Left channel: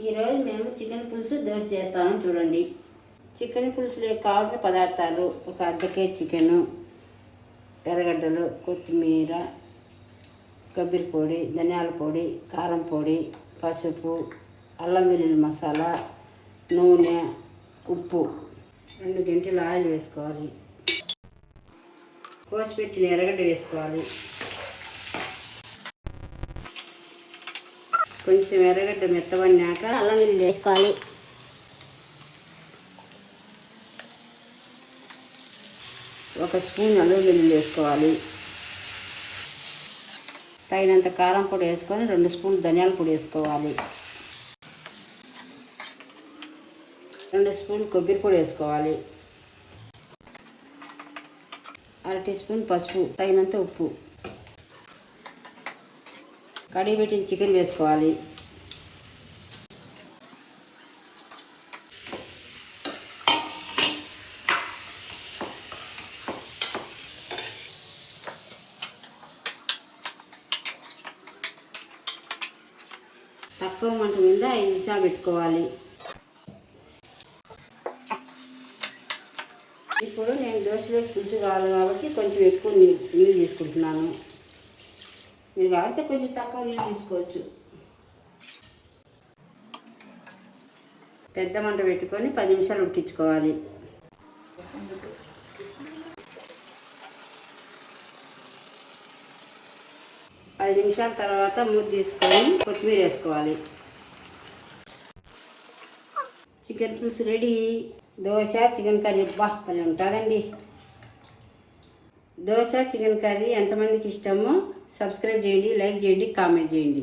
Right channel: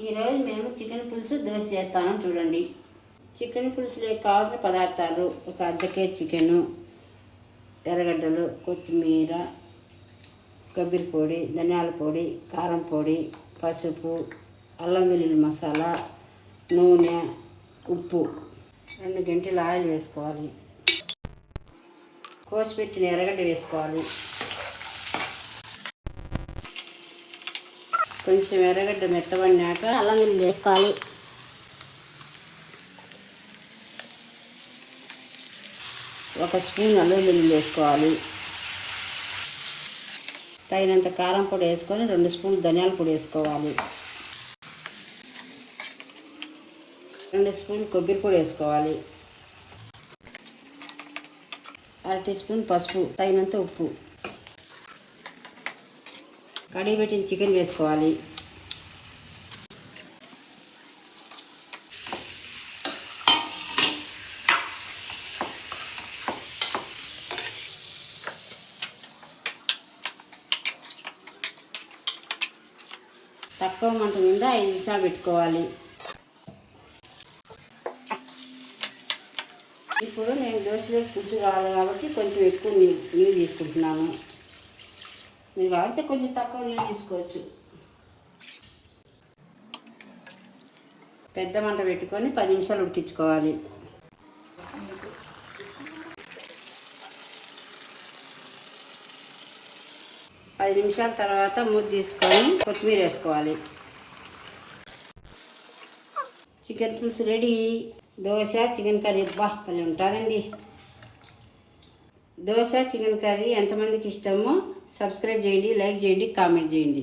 ఈరోజు మేము చికెన్ పులుసు దోశ చేస్తామని చూడండి. చికెన్ పులుసులో కావాల్సిన పదార్థాలు: ఒక అర్ధ కేజీ చికెను, ఎర్రగడ్డలు, కొత్తిమీర, కొబ్బరి పొడి, ధనియాల పొడి, కారం పొడి, పసుపు, అల్లం వెల్లుల్లి మసాలా, నూనె, ఉప్పు. 2 గంటలు ఆయిల్ వేసుకోవాలి. కోసిపెట్టిన ఎర్రగడ్డ వేసుకోవాలి. కొంచెం ఎర్రగడ్డ మెత్తబడినాక అల్లం వెల్లుల్లి వేసుకోవాలి. ఒక స్పూన్ అల్లం వెల్లుల్లి వేసుకోవాలి. తగినంత కారం పొడి వేసుకొని 2 స్పూన్లు ధనియాల పొడి వేసుకోవాలి. 2 స్పూన్లు కొబ్బరి పొడి వేసుకోవాలి. 1/2 టీ స్పూన్ పసుపు, తగినంత ఉప్పు. కడిగి పెట్టిన చికెన్ వేసుకోవాలి. తక్కువ మంట మీద 5 నిమిషాలు పెట్టుకోవాలి. ఇప్పుడు నేను దోశలో పులుసు కావాలి కాబట్టి కొంచెం ఎక్కువ నీళ్ళు తీసుకుంటున్నాను. మీరు కాబట్టి కొంచెం తక్కువ నీళ్ళు తీసుకోవచ్చు. పెద్ద మంట పెట్టుకొని 10 నిమిషాలు ఉడికించుకోవాలి. పది నిమిషాల తర్వాత మూత తీసుకొని కొత్తిమీర వేసుకోవాలి. చికెన్ పులుసు రెడీ. దోశ చికెన్ కర్రీ భలే ఉంటుందండి. దోశ చికెన్ కర్రీ ఎంతమందికి ఇష్టమో సబ్స్క్రైబ్ చేయండి, లైక్ చేయండి, కామెంట్ చేయండి.